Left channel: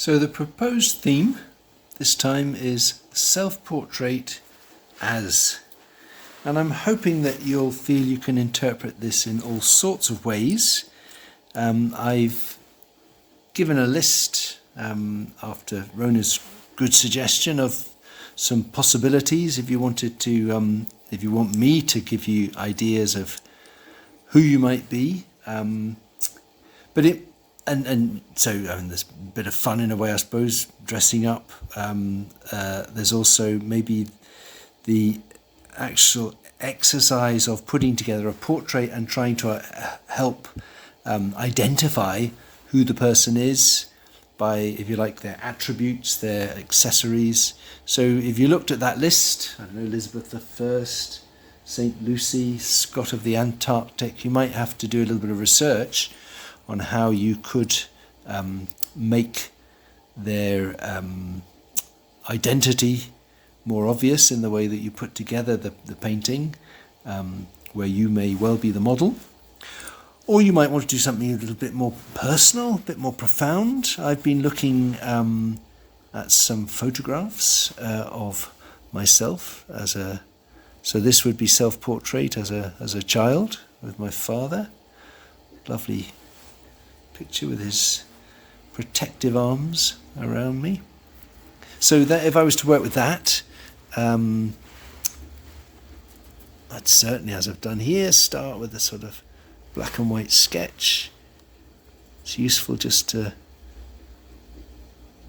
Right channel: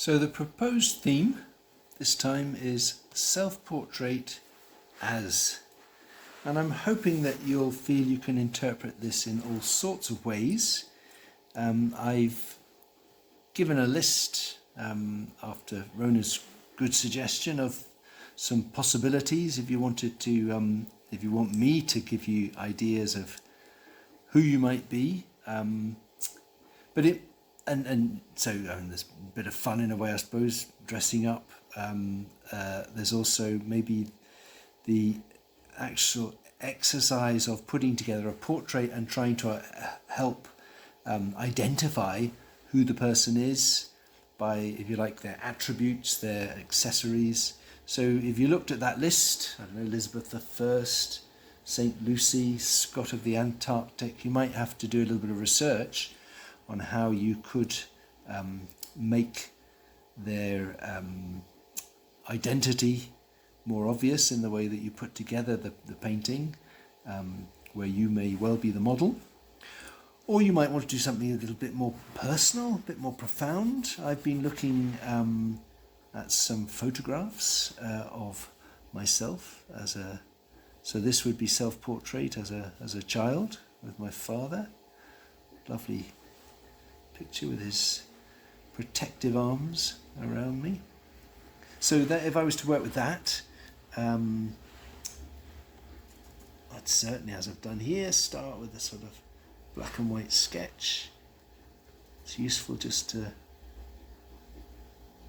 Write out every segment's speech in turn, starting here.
So the proposed theme this time is self-portrait as. And I'm hoping that you'll feel you can interpret this in all sorts of ways. I've given a list after Rona's good suggestion of some possibilities if you wanted to, if you want me to give you ideas of who you might be. But it, and so there's a bit of fun in a way, I suppose, dressing up. There's also maybe the actual exercise of putting together a portrait and trying to help identify who the person is by, if you like, their attributes, their accessories. So if you looked at that list, I don't know, Elizabeth I, St. Lucy, Scott of the Antarctic, you might have to do a little bit of research on how you could make their identity more obvious in the way that you put together the painting, where you may well be the model. Or you might want to do something a little bit more personal, a bit more profound. I've been looking at some photographs of myself as a, so this would be self-portrait as a child with my father. Lovely picture with his protective arms around me. So that if I was to work with that, I'd certainly, as I've done here, start with a sort of black and white sketch. It's useful just to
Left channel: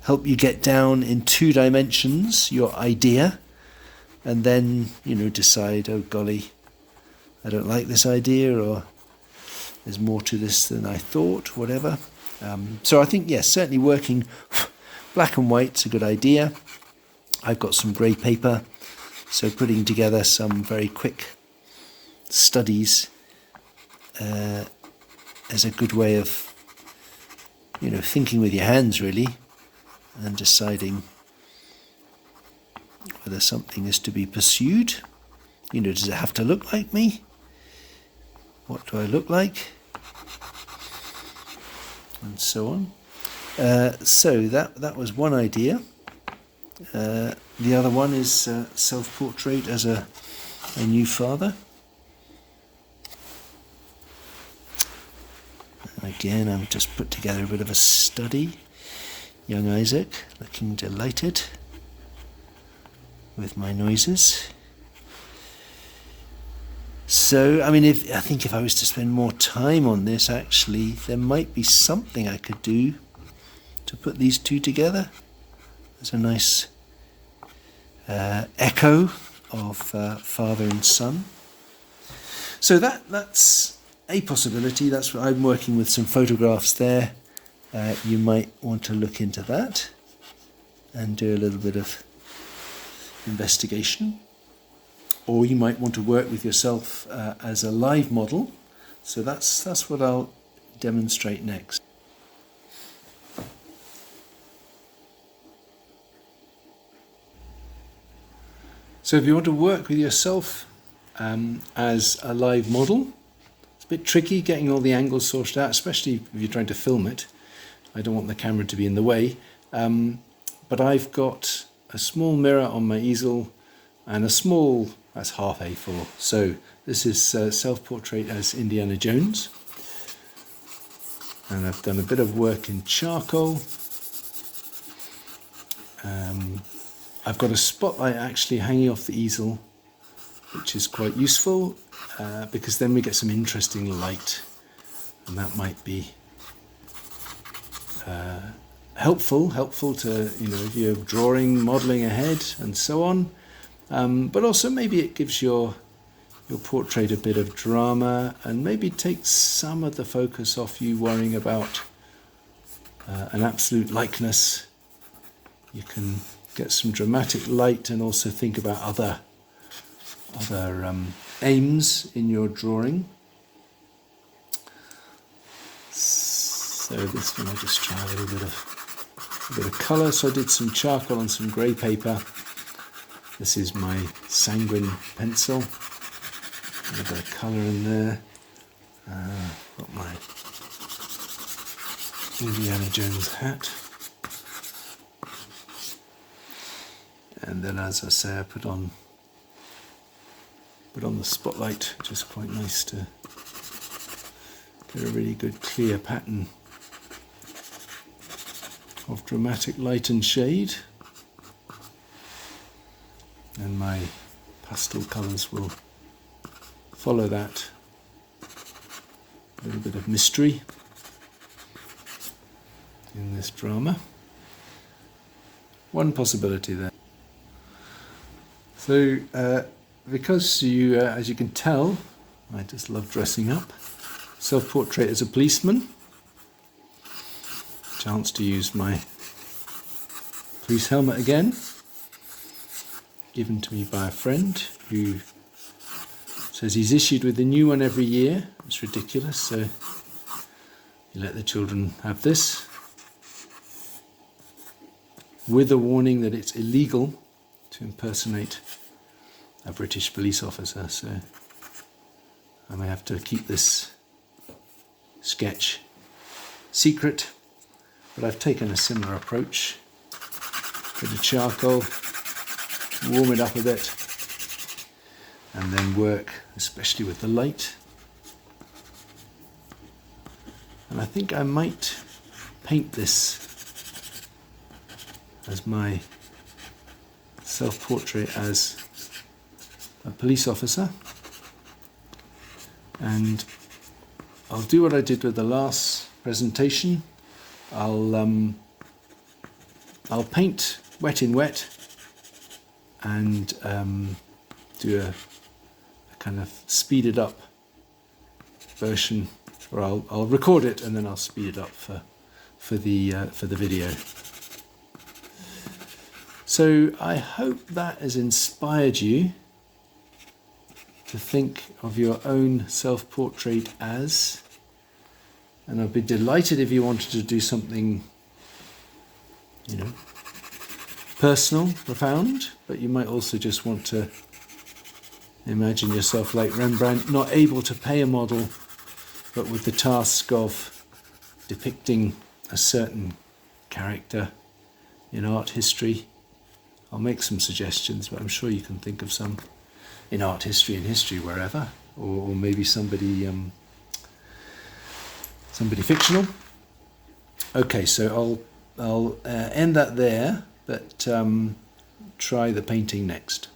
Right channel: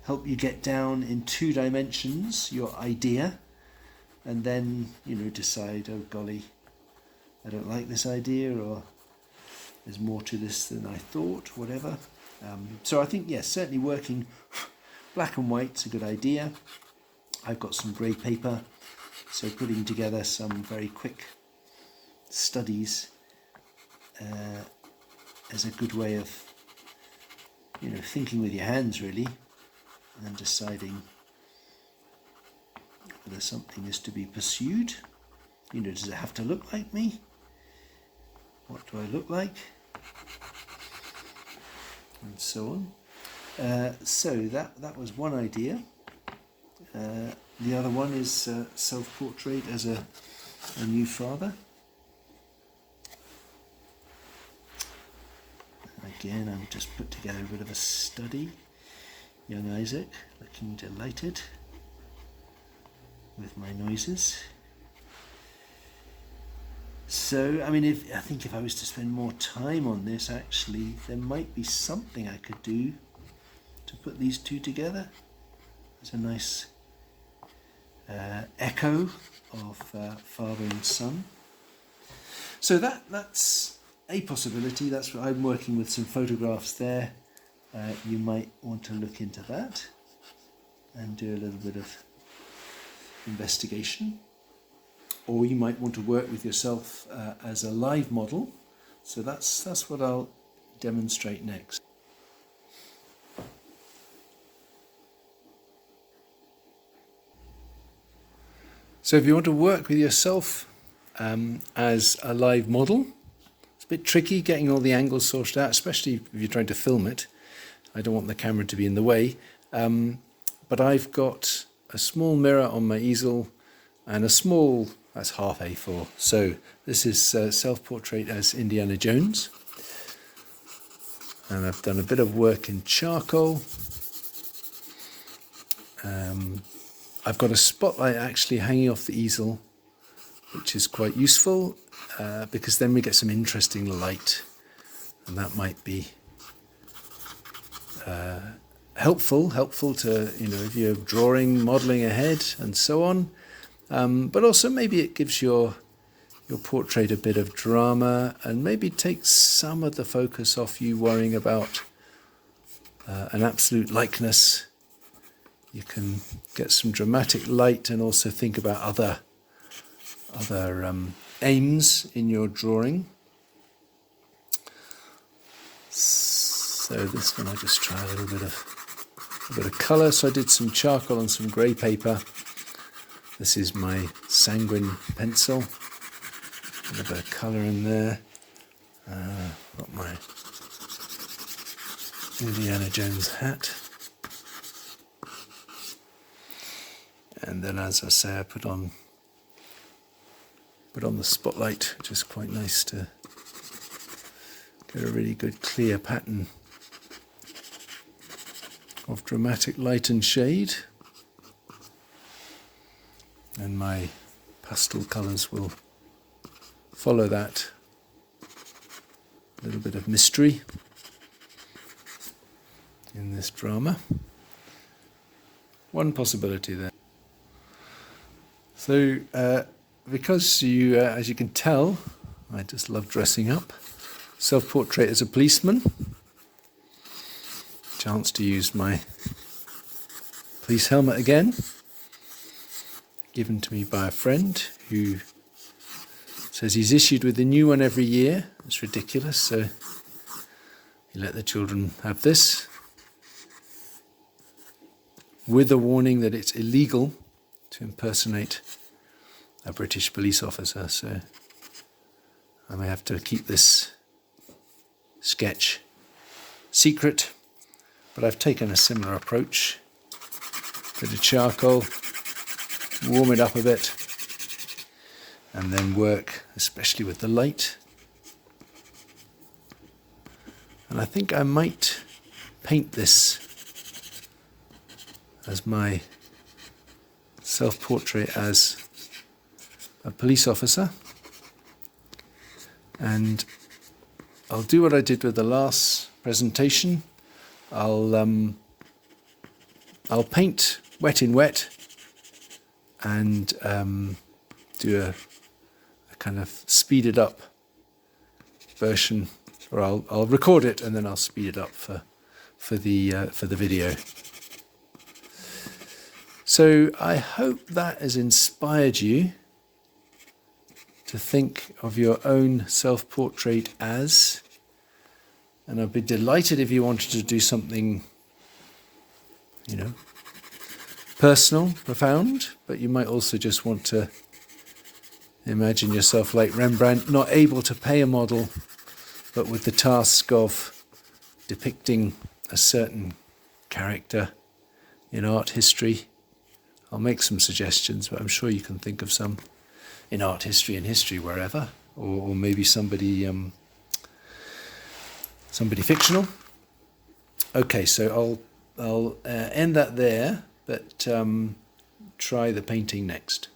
help you get down in 2 dimensions your idea, and then, decide, oh golly, I don't like this idea, or there's more to this than I thought, whatever. So I think, yes, certainly working black and white's a good idea. I've got some grey paper, so putting together some very quick studies is a good way of, thinking with your hands really, and deciding whether something is to be pursued. Does it have to look like me? What do I look like? And so on. So that was one idea. The other one is self-portrait as a new father. Again, I've just put together a bit of a study. Young Isaac, looking delighted with my noises. So, I think if I was to spend more time on this, actually, there might be something I could do to put these 2 together. There's a nice echo of father and son. So that's a possibility. That's what I'm working with, some photographs there. You might want to look into that and do a little bit of investigation. Or you might want to work with yourself as a live model. So that's what I'll demonstrate next. So if you want to work with yourself as a live model, it's a bit tricky getting all the angles sorted out, especially if you're trying to film it. I don't want the camera to be in the way. But I've got a small mirror on my easel and a small, that's half A4. So this is self-portrait as Indiana Jones. And I've done a bit of work in charcoal. I've got a spotlight actually hanging off the easel, which is quite useful because then we get some interesting light, and that might be helpful to, if you're drawing, modelling ahead and so on, but also maybe it gives your portrait a bit of drama and maybe takes some of the focus off you worrying about an absolute likeness. You can get some dramatic light and also think about other aims in your drawing. So this one I just try a little bit of colour. So I did some charcoal on some grey paper. This is my sanguine pencil. A bit of colour in there. Got my Indiana Jones hat. And then, as I say, I put on the spotlight, which is quite nice to get a really good clear pattern of dramatic light and shade. And my pastel colours will follow that. A little bit of mystery in this drama. One possibility there. So, because you, as you can tell, I just love dressing up. Self-portrait as a policeman. Chance to use my police helmet again. Given to me by a friend who says he's issued with a new one every year. It's ridiculous, so you let the children have this. With a warning that it's illegal to impersonate a British police officer, so I may have to keep this sketch secret, but I've taken a similar approach. Bit of charcoal, warm it up a bit, and then work, especially with the light. And I think I might paint this as my self-portrait as a police officer, and I'll do what I did with the last presentation. I'll paint wet in wet and do a kind of speeded up version, or I'll record it and then I'll speed it up for the video. So I hope that has inspired you to think of your own self-portrait as, and I'd be delighted if you wanted to do something, personal, profound, but you might also just want to imagine yourself like Rembrandt, not able to pay a model, but with the task of depicting a certain character in art history. I'll make some suggestions, but I'm sure you can think of some in art history and history wherever, or maybe somebody fictional. Okay, so I'll end that there, but try the painting next.